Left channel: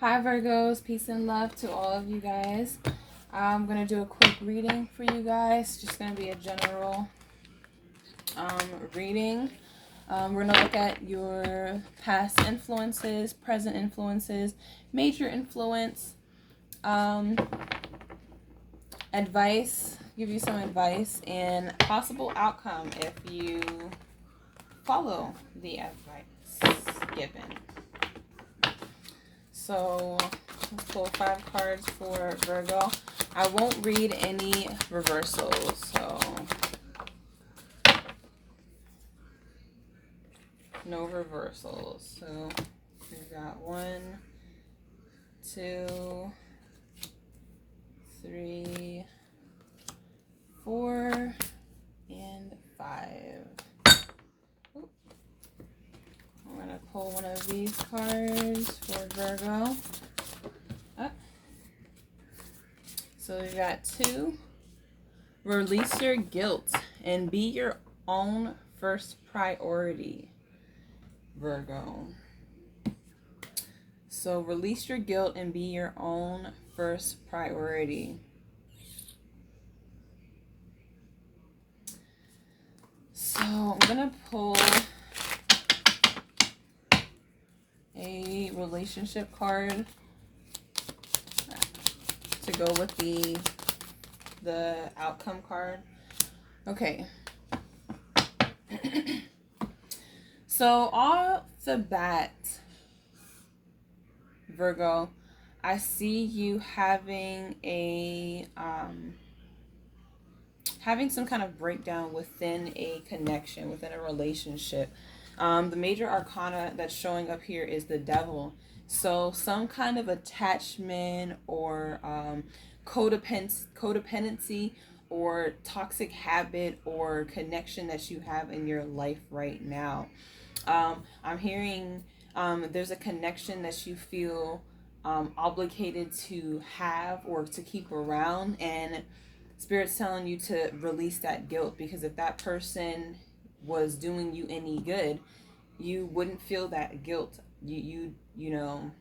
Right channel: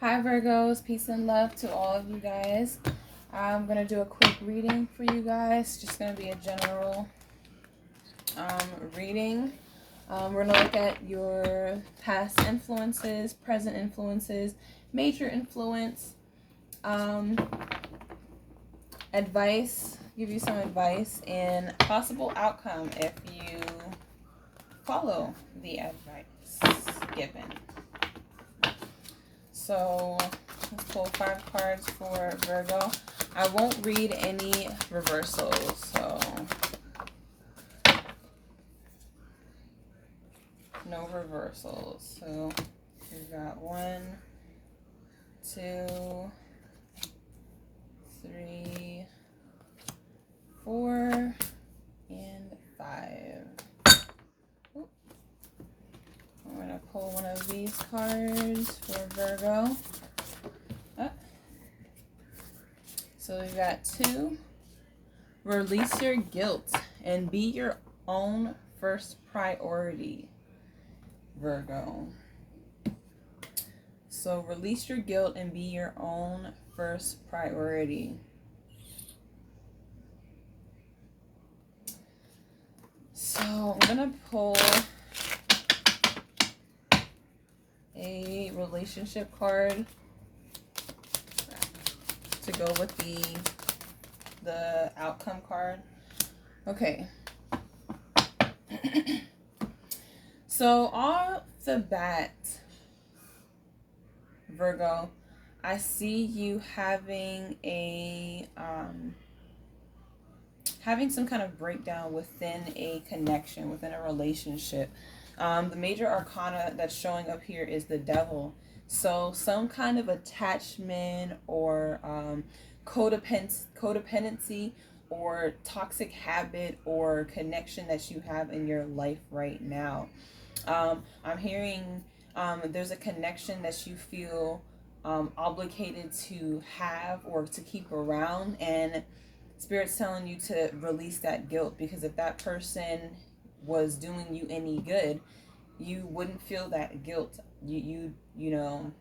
Hi Virgos, peace and love to all of you guys. I'm going to do a quick reading for you guys. Just going to be a general reading. We're going to look at your past influences, present influences, major influence, advice, give you some advice, and possible outcome if you follow the advice given. So let's pull 5 cards for Virgo. I won't read any reversals, so no reversals. So we've got 1, 2, 3, 4, and 5. Oop. I'm going to pull one of these cards for Virgo. So we got 2. Release your guilt and be your own first priority, Virgo. So release your guilt and be your own first priority. So I'm going to pull a relationship card to go with the outcome card. Okay. So off the bat, Virgo, I see you having having some kind of breakdown within a connection, within a relationship. The major arcana that's showing up here is the Devil. So some kind of attachment or codependency or toxic habit or connection that you have in your life right now. I'm hearing there's a connection that you feel obligated to have or to keep around, and Spirit's telling you to release that guilt, because if that person was doing you any good, you wouldn't feel that guilt. You know,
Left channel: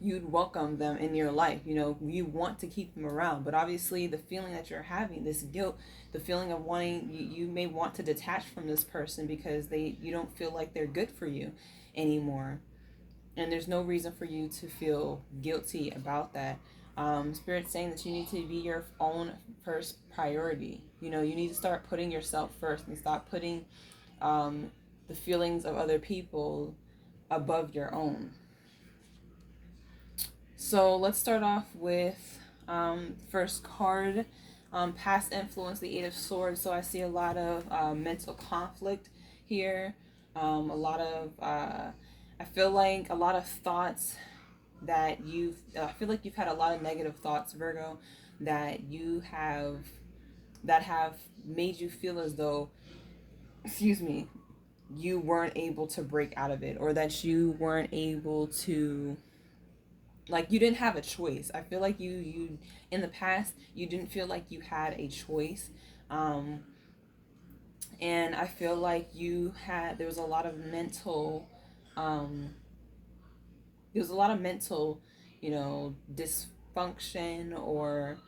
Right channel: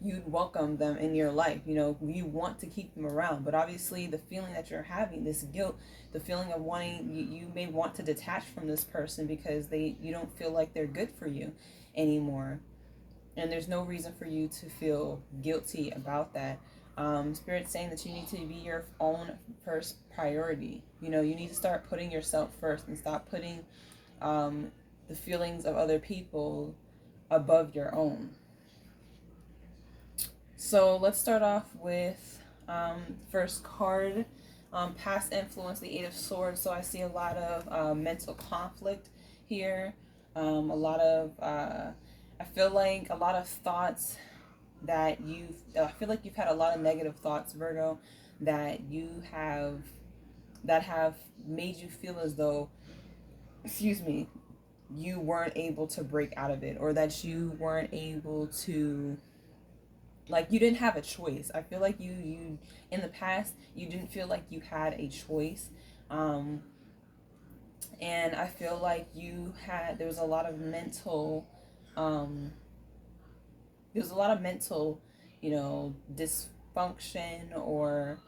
you'd welcome them in your life. You know, you want to keep them around, but obviously the feeling that you're having, this guilt, the feeling of wanting, you may want to detach from this person because you don't feel like they're good for you anymore, and there's no reason for you to feel guilty about that. Spirit's saying that you need to be your own first priority. You know, you need to start putting yourself first and stop putting the feelings of other people above your own. So let's start off with first card, past influence, the 8 of Swords. So I see a lot of mental conflict here, a lot of, I feel like a lot of thoughts that I feel like you've had a lot of negative thoughts, Virgo, that have made you feel as though, excuse me, you weren't able to break out of it, or that you weren't able to, like, you didn't have a choice. I feel like you in the past, you didn't feel like you had a choice. And I feel like there was a lot of mental, you know, dysfunction, or,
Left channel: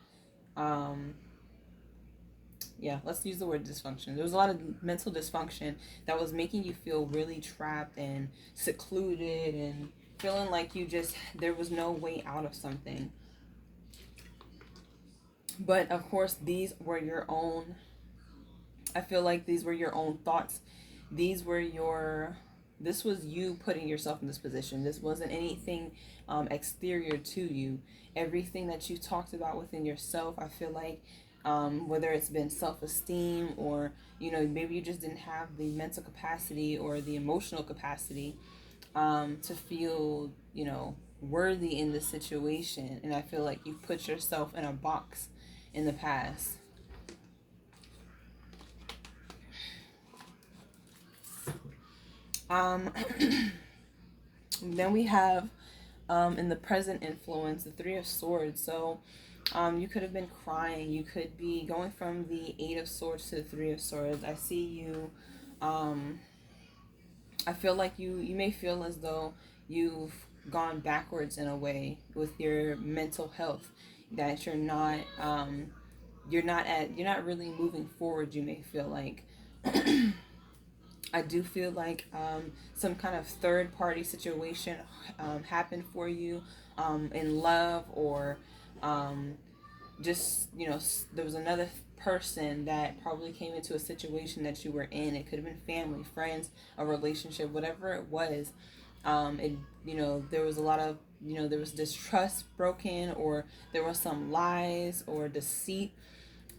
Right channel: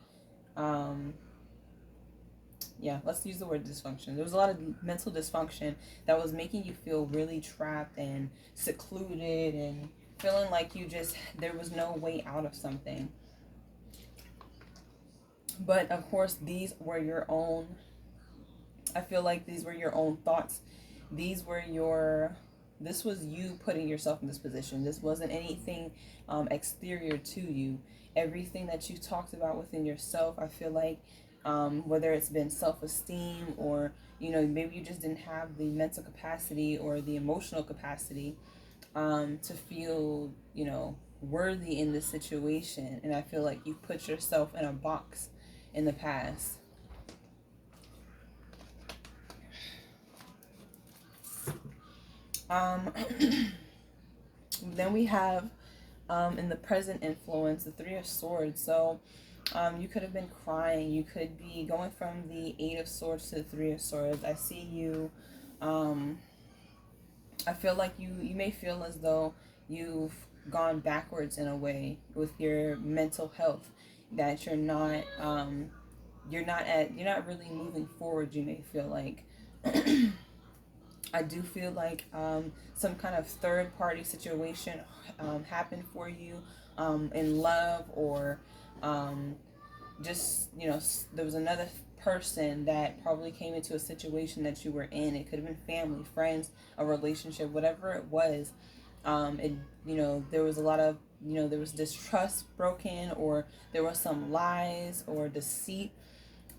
let's use the word dysfunction. There was a lot of mental dysfunction that was making you feel really trapped and secluded and feeling like there was no way out of something. But of course, these were your own, I feel like these were your own thoughts. This was you putting yourself in this position. This wasn't anything exterior to you. Everything that you talked about within yourself, I feel like, whether it's been self-esteem, or, you know, maybe you just didn't have the mental capacity or the emotional capacity to feel, you know, worthy in this situation. And I feel like you put yourself in a box in the past. Then we have in the present influence, the 3 of Swords. So you could have been crying. You could be going from the 8 of Swords to the 3 of Swords. I see you. I feel like you may feel as though you've gone backwards in a way with your mental health, that you're not really moving forward, you may feel like. I do feel like some kind of third party situation happened for you in love, or um, just, there was another person that probably came into a situation that you were in. It could have been family, friends, a relationship, whatever it was. It there was a lot of, there was distrust broken, or there was some lies or deceit.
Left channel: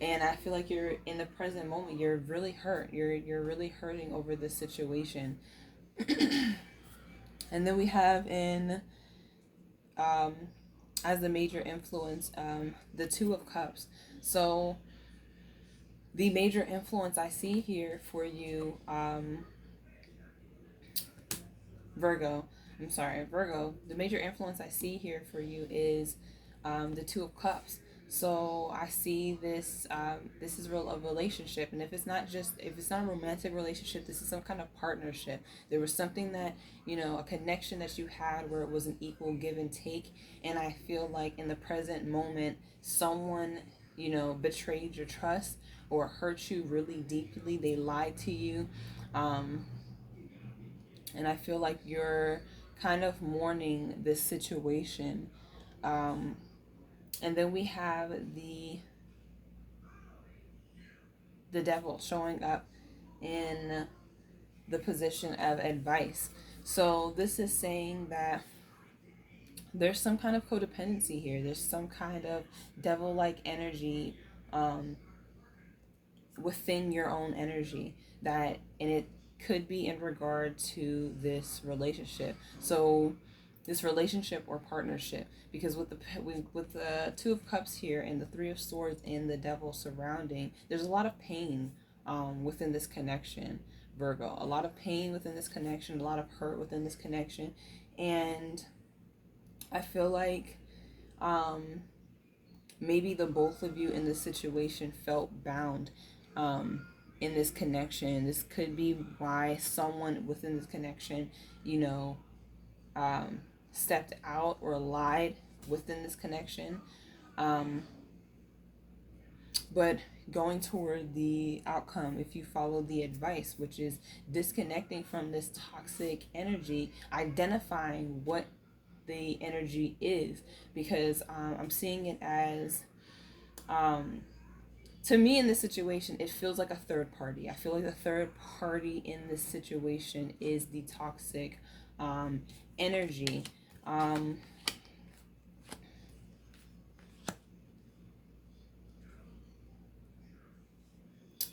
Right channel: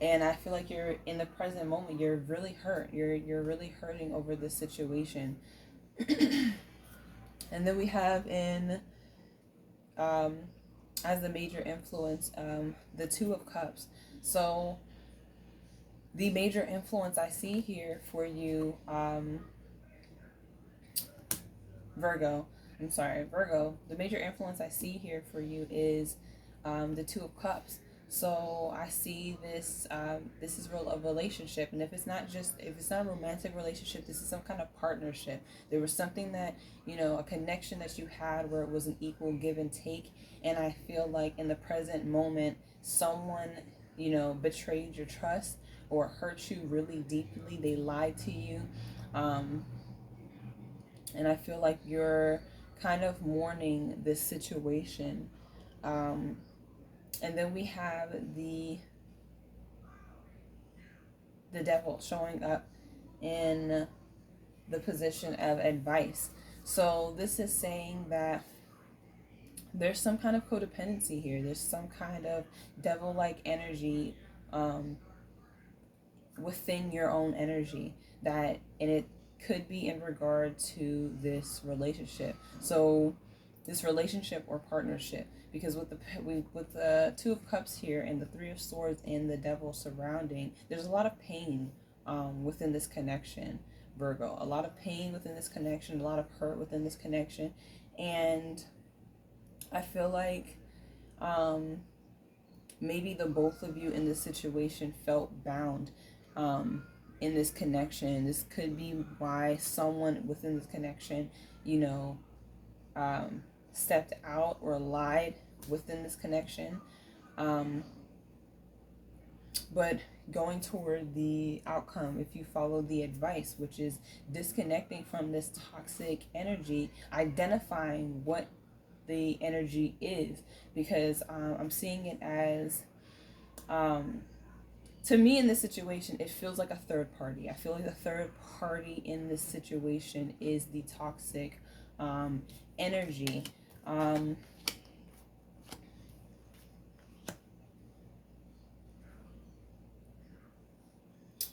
And I feel like you're in the present moment, you're really hurt, you're really hurting over this situation. And then we have in um, as the major influence, the Two of Cups. So the major influence I see here for you, Virgo, I'm sorry, Virgo, the major influence I see here for you is the Two of Cups. So I see this. This is a relationship, and if it's not a romantic relationship, this is some kind of partnership. There was something that, a connection that you had where it was an equal give and take. And I feel like in the present moment, someone, betrayed your trust or hurt you really deeply. They lied to you. Um, and I feel like you're kind of mourning this situation. Um, and then we have the devil showing up in the position of advice. So this is saying that there's some kind of codependency here. There's some kind of devil-like energy um, within your own energy, and it could be in regard to this relationship. So this relationship or partnership, because with the Two of Cups here and the Three of Swords and the devil surrounding, there's a lot of pain within this connection, Virgo. A lot of pain within this connection, a lot of hurt within this connection. And I feel like um, maybe the both of you in this situation felt bound in this connection. This could be why someone within this connection, you know, um, stepped out or lied within this connection. Um, but going toward the outcome, if you follow the advice, which is disconnecting from this toxic energy, identifying what the energy is, because I'm seeing it as, um, to me in this situation, it feels like a third party. I feel like the third party in this situation is the toxic energy. Um,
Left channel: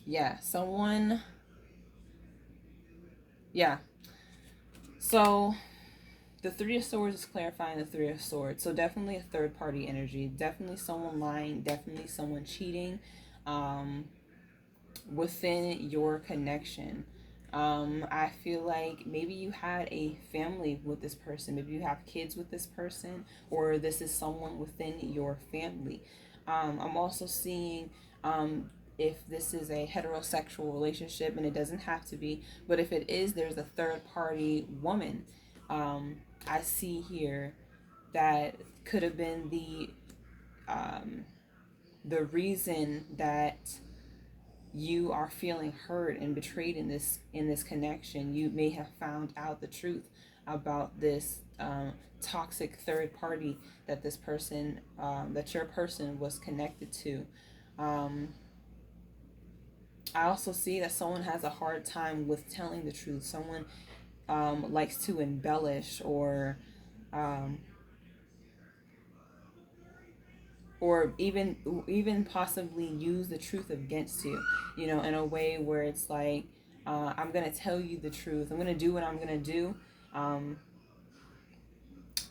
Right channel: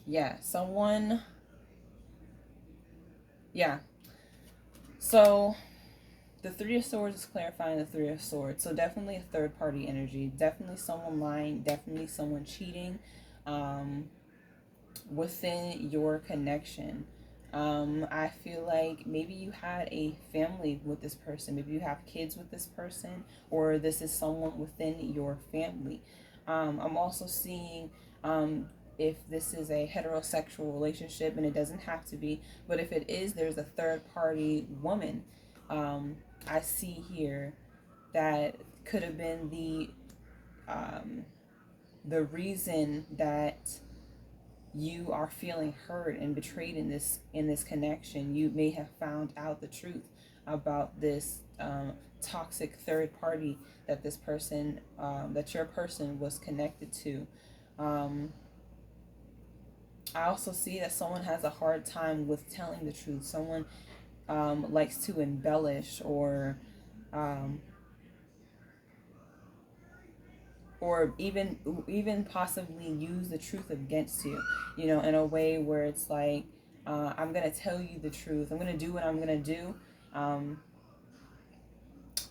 yeah, someone, yeah. So the Three of Swords is clarifying the Three of Swords. So definitely a third party energy. Definitely someone lying. Definitely someone cheating within your connection. I feel like maybe you had a family with this person. Maybe you have kids with this person, or this is someone within your family. I'm also seeing if this is a heterosexual relationship, and it doesn't have to be, but if it is, there's a third party woman. Um, I see here that could have been um, the reason that you are feeling hurt and betrayed in this connection. You may have found out the truth about this toxic third party that this person that your person was connected to. um, I also see that someone has a hard time with telling the truth. Someone likes to embellish, um, or even possibly use the truth against you, in a way where it's like, I'm gonna tell you the truth, I'm gonna do what I'm gonna do, um,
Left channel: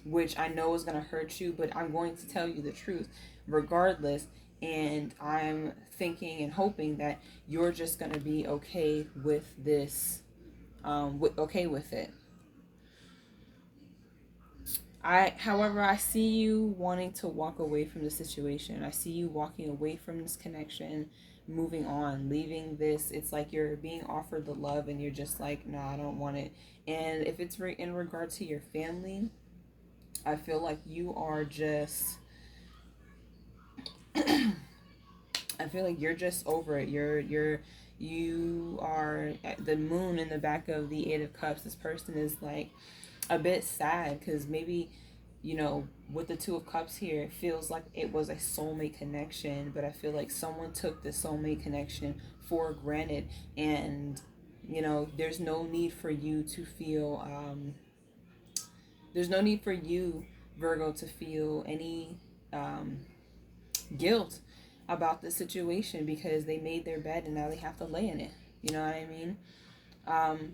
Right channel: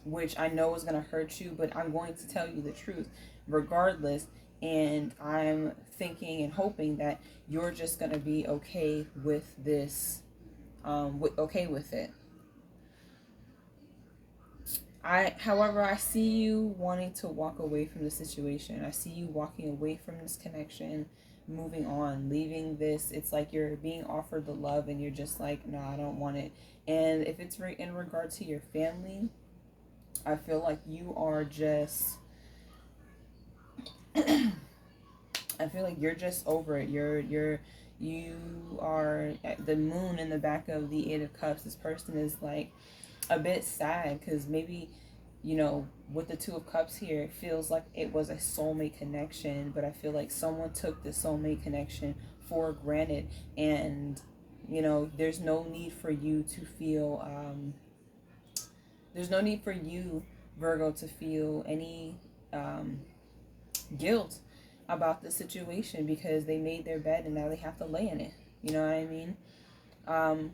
which I know is gonna hurt you, but I'm going to tell you the truth regardless. And I'm thinking and hoping that you're just gonna be okay with this, okay with it. However, I see you wanting to walk away from the situation. I see you walking away from this connection, moving on, leaving this. It's like you're being offered the love, and you're just like, no, I don't want it. And if it's in regard to your family, I feel like you are just I feel like you're just over it. You are at the moon in the back of the Eight of Cups. This person is like a bit sad because maybe, you know, with the Two of Cups here, it feels like it was a soulmate connection, but I feel like someone took the soulmate connection for granted, and you know, there's no need for you, Virgo, to feel any um, guilt about the situation because they made their bed and now they have to lay in it. You know what I mean? Um,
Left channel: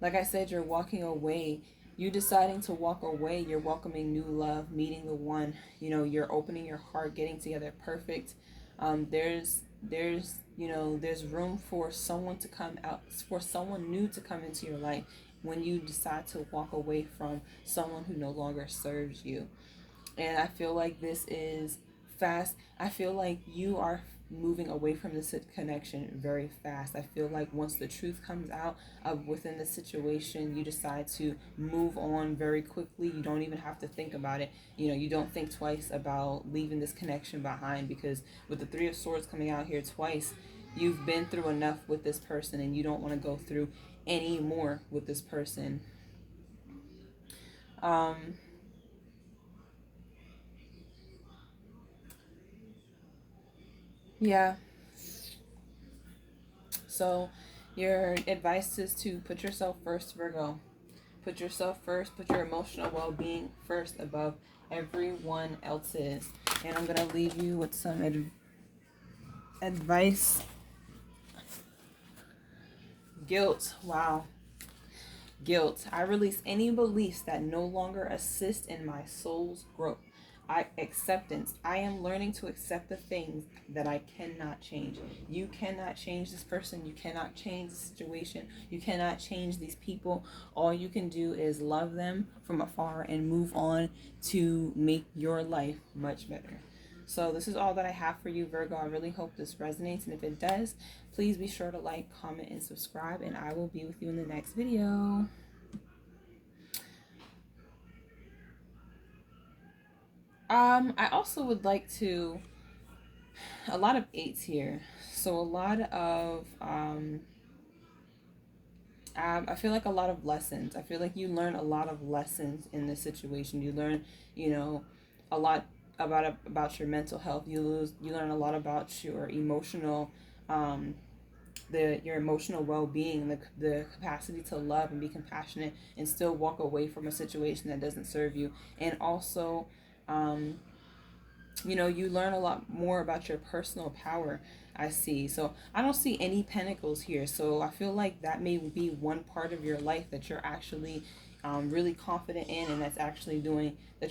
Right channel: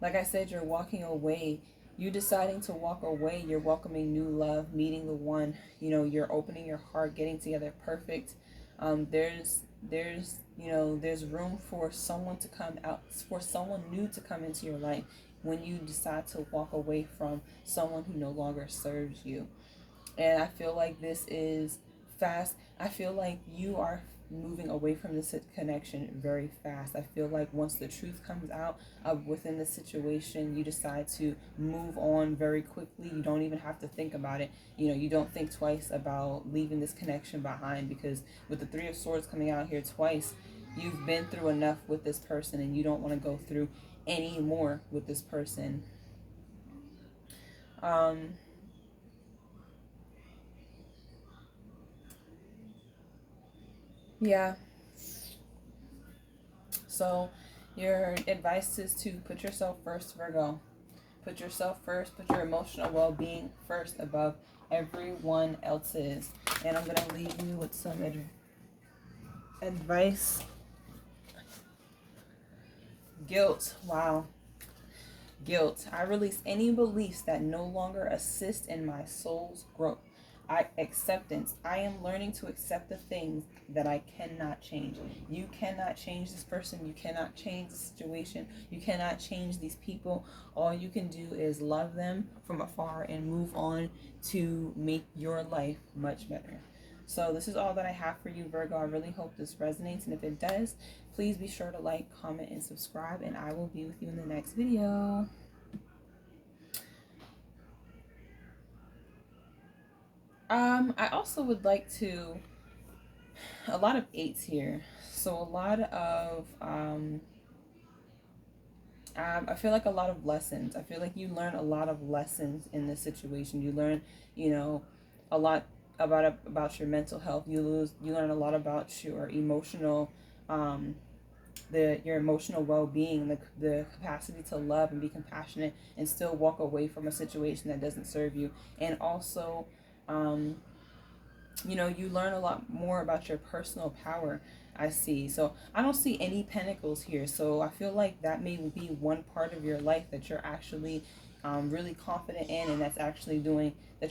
like I said, you're walking away. You deciding to walk away, you're welcoming new love, meeting the one. You know, you're opening your heart, getting together. Perfect. There's room for someone to come out, for someone new to come into your life when you decide to walk away from someone who no longer serves you. And I feel like this is fast. I feel like you are moving away from this connection very fast. I feel like once the truth comes out of within the situation, you decide to move on very quickly. You don't even have to think about it. You know, you don't think twice about leaving this connection behind because with the Three of Swords coming out here twice, you've been through enough with this person and you don't want to go through any more with this person. Um, yeah, so your advice is to put yourself first, Virgo. Put yourself first, put your emotional well being first above everyone else's. And I'm going to leave you with some advice. Guilt. Wow. Guilt. I release any beliefs that no longer assist in my soul's growth. Acceptance. I am learning to accept the things that I cannot change. You cannot change this person. You cannot change the situation. You cannot change these people. All you can do is love them from afar and move on to make your life much better. So this is all that I have for you, Virgo. I really hope this resonates, and if it does, please be sure to like, comment, and subscribe, and I will be with you in the next video. I also would like to, a lot of eights here. So a lot of, I feel like a lot of lessons. I feel like you learn a lot of lessons in this situation. You learn, you know, a lot about your mental health. You learn a lot about your emotional, um, your emotional well-being, the capacity to love and be compassionate and still walk away from a situation that doesn't serve you, and also, um, you know, you learn a lot more about your personal power. I see. So I don't see any pentacles here. So I feel like that may be one part of your life that you're actually really confident in, and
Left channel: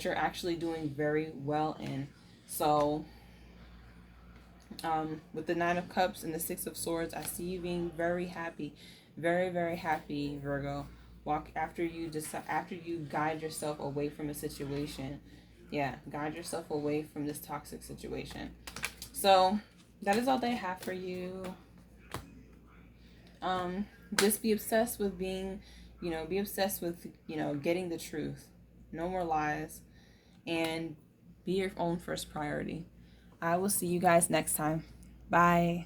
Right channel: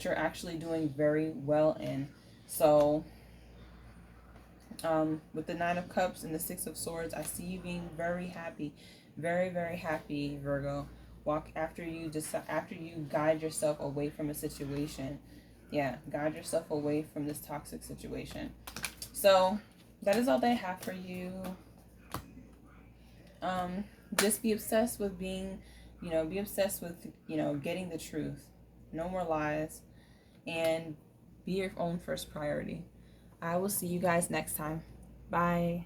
you're actually doing very well in. So with the Nine of Cups and the Six of Swords, I see you being very happy, very, very happy, Virgo. Walk after you guide yourself away from a situation. Yeah, guide yourself away from this toxic situation. So that is all they have for you. Um, just be obsessed with being, be obsessed with, getting the truth. No more lies, and be your own first priority. I will see you guys next time. Bye.